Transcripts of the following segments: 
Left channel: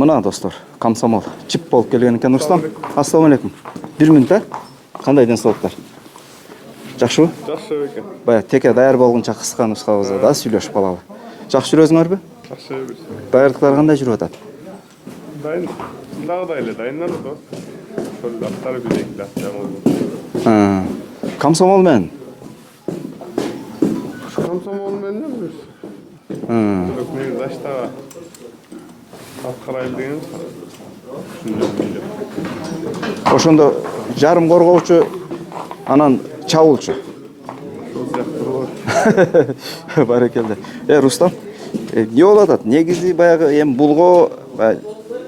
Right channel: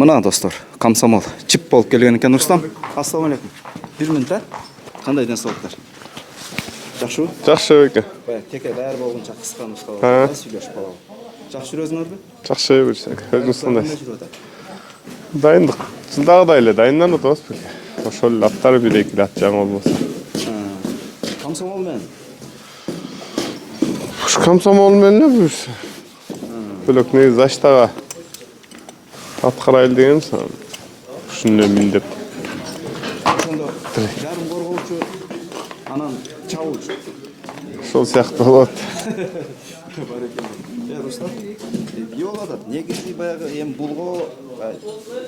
Мына достор, комсомол чип болуп келген экен. Рустам, ассалам алейкум. 1 мүнөт, а? Кандай денсаулыктар? Жакшыбы? Жакшы экен. Бая теке даяр болгонча кыска нускабызда да сүйлөшүп калалы. Жакшы жүрөсүңөрбү? Жакшы берсек. Даярдыктар кандай жүрүп атат? Дайындык. Жылдагыдай эле дайынданып атабыз. Ошол эле аттары бир-эки ат жаңы болбосо. Комсомол менен. Ушу комсомол менен эле бир. Бөлөк негизи заштага ат карайлы деген ушуну миндеп. Ошондо жарым коргоочу, анан чабуулчу. Ошол сыяктуу болот. Барекелде. Рустам, эмне болуп атат? Негизи баягы эми булго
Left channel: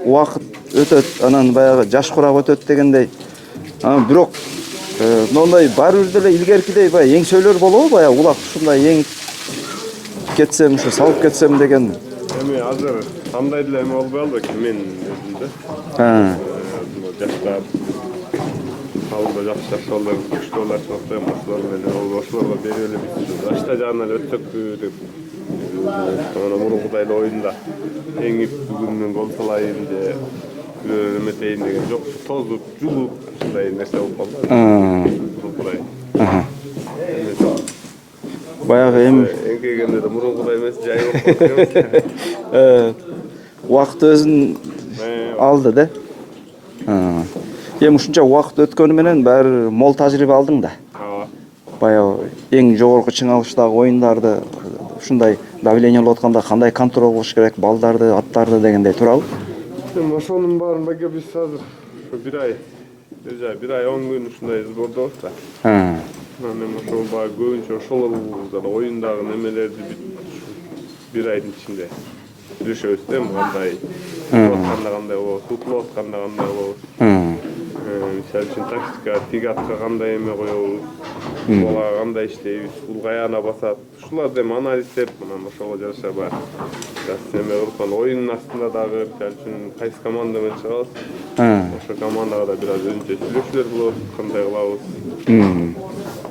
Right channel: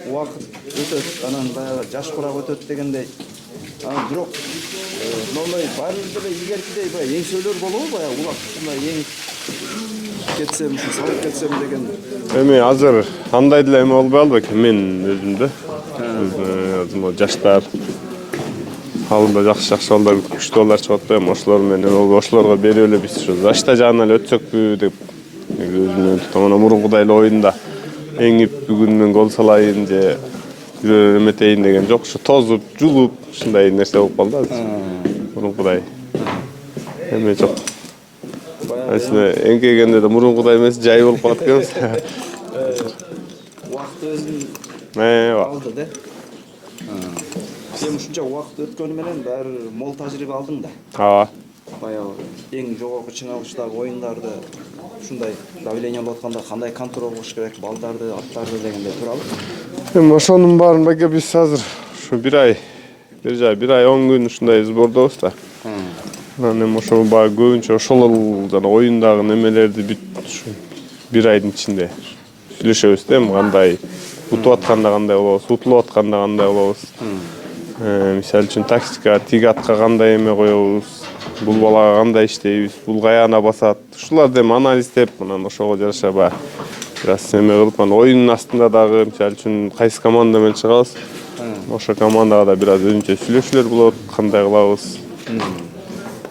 убакыт өтөт, анан баягы жаш курак өтөт дегендей. Бирок моундай баары бир деле илгеркидей баягы эңсөлөр болобу? Баягы улак ушундай эң кетсем, ушу салып кетсем деген. Эми азыр андай деле эме болбой албайт экен мен өзүмдө. Жаштар алдында жакшы балдар, күчтүү балдар чыгып атпайбы? Ошолор менен ошолорго берип эле биз ушу зашта жагынан эле өтсөкпү деп өзүмдүн томона мурункудай эле оюнда эңип бүгүн мен гол салайын же эметейин деген жок. Ушу тозуп, жулуп ушундай нерсе болуп калды азыр. Мурункудай эме жок. Баягы эми эңкейгенде да мурункудай эмес, жай болуп калат экенбиз. Убакыт өзүн алды да. Эми ушунча убакыт өткөнү менен баары мол тажрыйба алдың да. Ооба. Баягы эң жогорку чыңалыштагы оюндарды ушундай давление болуп атканда кандай контроль кылыш керек, балдарды, аттарды дегендей туурабы? Эми ошонун баарын баке биз азыр ушу 1 ай 10 күн ушундай сбордобуз да. Анан эми ошол баягы көбүнчө ошол жана оюндагы немелерди бүт ушу 1 айдын ичинде сүйлөшөбүз да, эми кандай утуп атканда кандай болобуз, утулуп атканда кандай болобуз. Мисалы үчүн тактика, тиги атка кандай эме коебуз, бул балага кандай иштейбиз, бул каяна басат. Ушуларды эми анализдеп, анан ошого жараша бир аз эме кылып, анан оюнун астында дагы мисалы үчүн кайсы команда менен чыгабыз, ошо командага да бир аз өзүнчө сүйлөшүүлөр болот, кандай кылабыз.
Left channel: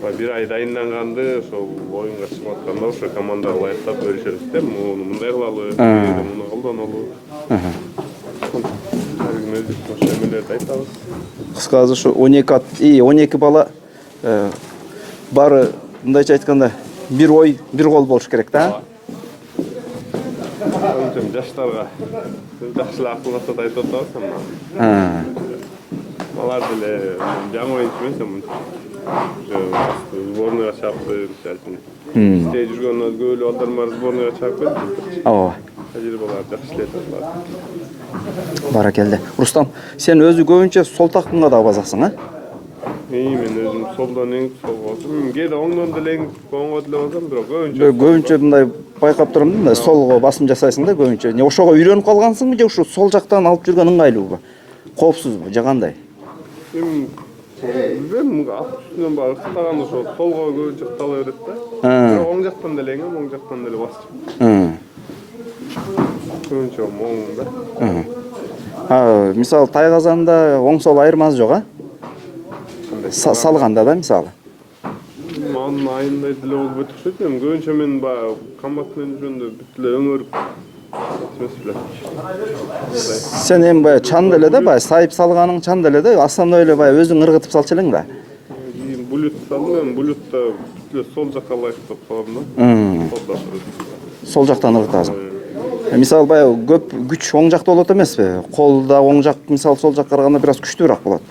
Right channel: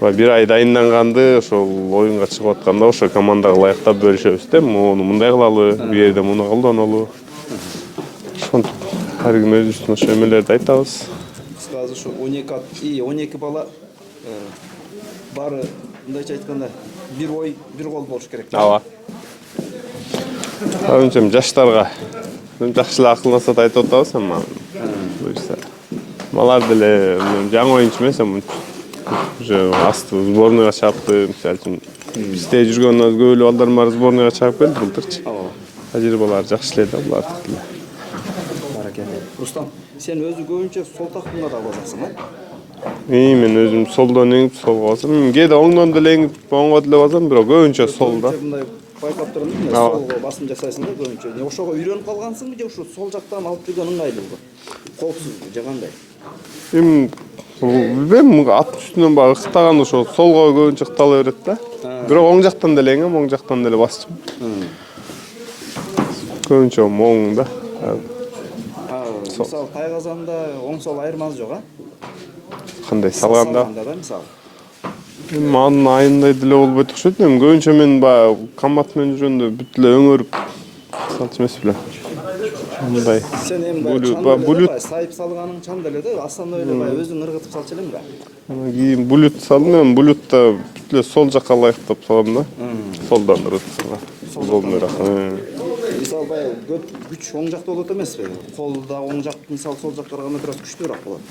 1 ай дайынданганды ошол оюнга чыгып атканда ошо командага ылайыктап бөлүшөбүз да, муну мындай кылалы, бу жерде муну колдонолу. Ошентип ар ким өзүбүздүн ошо эмелерди айтабыз. Кыскасы ушу 12 бала баары мындайча айтканда бир ой, бир кол болуш керек да. Ооба. Өзүнчө жаштарга жакшы эле акыл насаат айтып атабыз, ама алар деле жаңы оюнчу эмес, эми уже асты сборныйга чыгыпты, мисалы үчүн бизде жүргөн көп эле балдар бар сборныйга чыгып келди былтырчы. Ооба. Тажрыйбалары жакшы эле да булардыкы деле. Баракелде. Рустам, сен өзү көбүнчө сол тактында да базаксың, а? Мен өзүм солдон эңип солго басам. Кээде оңдон деле эңип оңго деле басам, бирок көбүнчө сол. Көбүнчө мындай байкап турам да, солго басым жасайсың да көбүнчө. Ошого үйрөнүп калгансыңбы же ушу сол жактан алып жүргөн ыңгайлуубу? Коопсузбу же кандай? Эми билбейм, ат үстүнөн баягы ыктаган ошо солго көбүнчө ыктала берет да. Бирок оң жактан деле эңем, оң жактан деле басчым. Көбүнчө оң да. Мисалы тайгазанда оң сол айырмасы жок, а? Кандай салганда да мисалы. Анын айындай деле болбойт окшойт. Эми көбүнчө мен баягы комбат менен жүргөндө бүт эле өңөрүп салчу эмес беле. Мындай. Сен эми баягы чан эле да, баягы сайып салганың чан эле да, основной эле баягы өзүң ыргытып салчу элең да. Кийин булют салдым, эми булютта бүт эле сол жакка ылайыктап салам да. Солдон ыргытып салам. Сол жактан ыргытасың. Мисалы баягы көп күч оң жакта болот эмеспи? Колда оң жак мисалы сол жакка караганда бир аз күчтүүрөөк болот.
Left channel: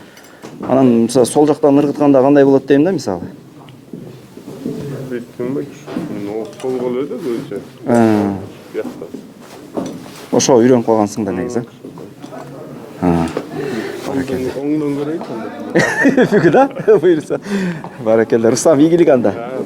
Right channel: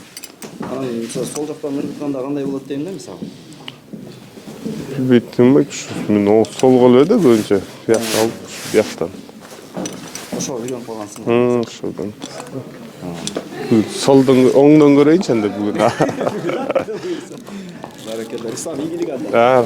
Анан мисалы сол жактан ыргытканда кандай болот дейм да мисалы? Биттим мен ол солго эле да көбүнчө. Бияктан. Ошо үйрөнүп калгансың да негизи. Ошодон. Солдон оңдон көрөйүнчү анда бүгүн. Бүгүн а? Буюрса. Баракелде. Рустам, ийгилик анда.